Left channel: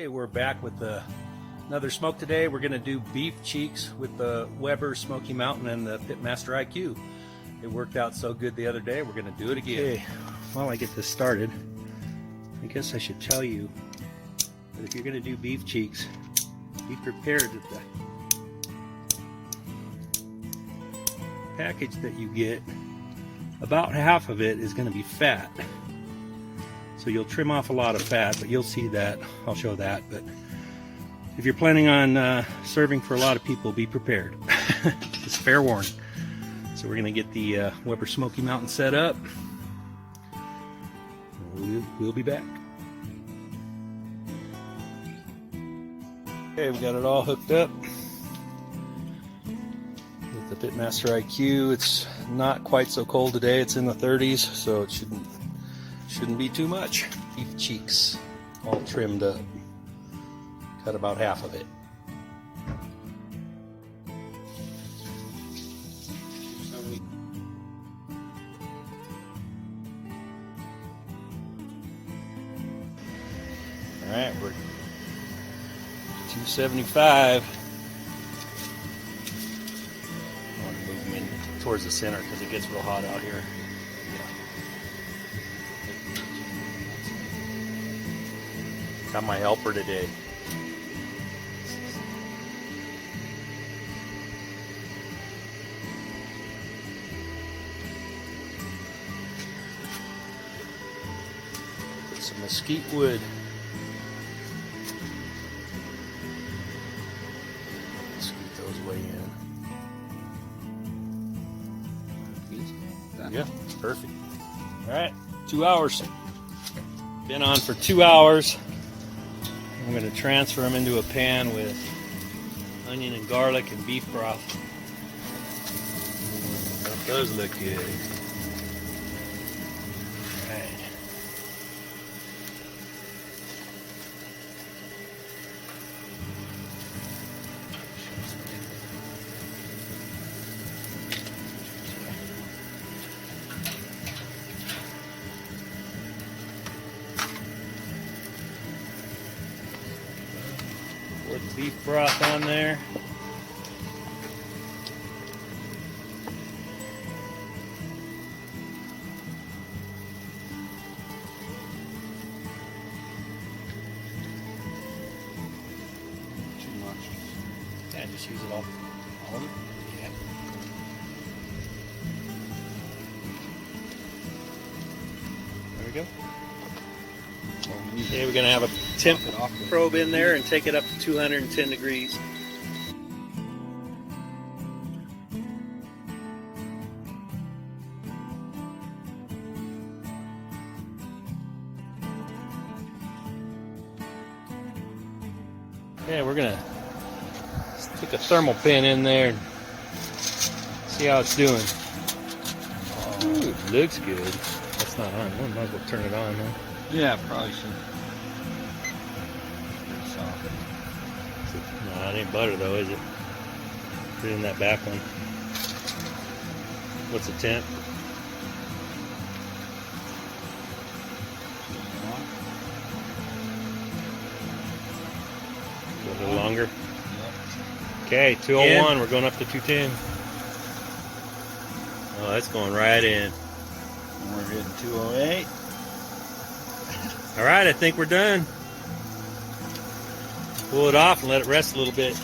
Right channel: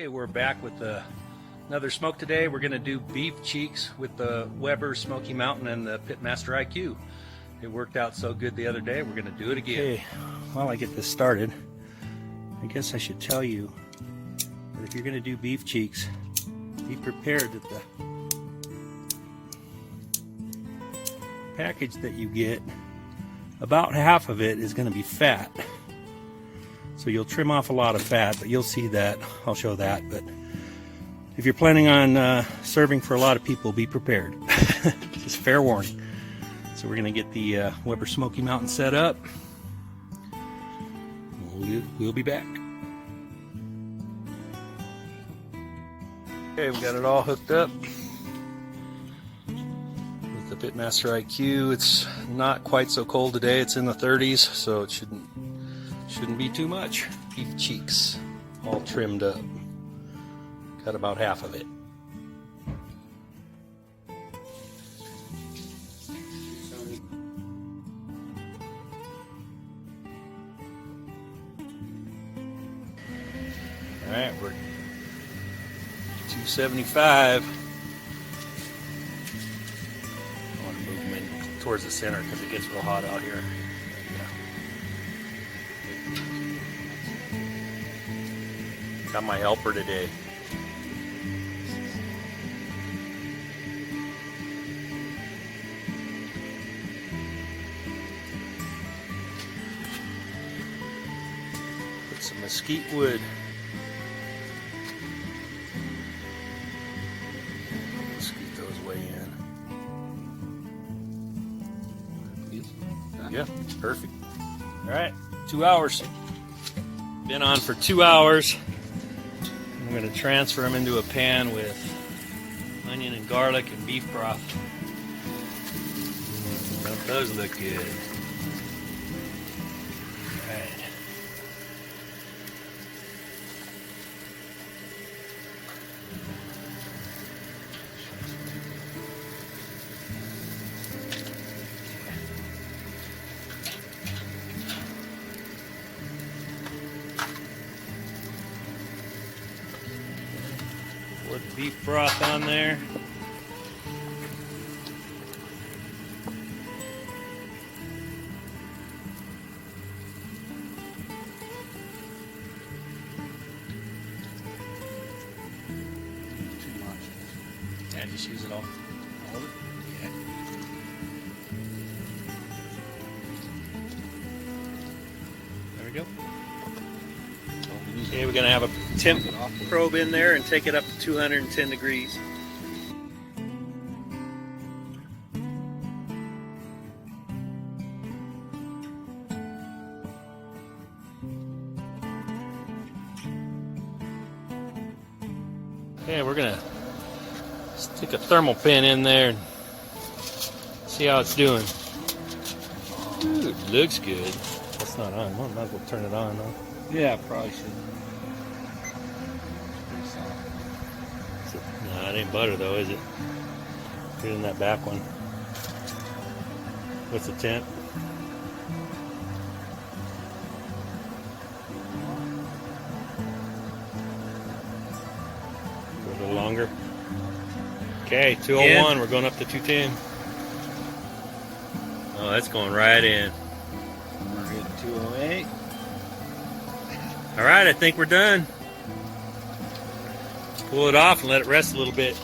Hey, we're back with another smoke today. We're going to do beef cheeks with the Weber Smokey Mountain and the PitMasterIQ. It worked out so good the other day, we're going to do it again. Okay, while I get this started, I guess I should tell you that if you're going to do beef cheeks, be prepared that the package that you get, about half of it is going to be fat. So you'll trim off a lot of fat, but you'll see that. I'll show that. But if you're planning on serving for a lot of people, be prepared. Just fair warning. So we're going to get the Weber Smokey Mountain set up. We'll be back. Okay, we got it all hooked up with the PitMasterIQ. It's not quite so cold today. It's in the 30s, so it shouldn't be too much. Beef cheeks all trimmed up. Got about half of it. All right, we're 275. I want to move them in towards the center because it gets real hot out here. Got my helper today. Put some mesquite wood. Scoot those way in. Yeah, perfect. All right, 2 hours. Been on for 2 hours. I'm going to transfer them into a pan with onion and garlic and beef broth. Don't those look good? All right. Pour the beef broth on there. Too much. Yeah, just use it all. All of it? Yeah. There we go. Okay, we're going to have a temp probe in there and take it up to 210 degrees. Okay, we're going to stick a thermal pin in there and see how it's doing. Ooh, it looks good. That's not on. Well, might as well turn it on, though. Yeah, probably should. No, it ain't butter though, is it? Put it in that back one. What's the temp? Go a little longer. Okay, 201. We're going up to 210. Oh, that's going right in. We're hitting 208. All right, I think we're done. Pull it off and let it rest a little bit.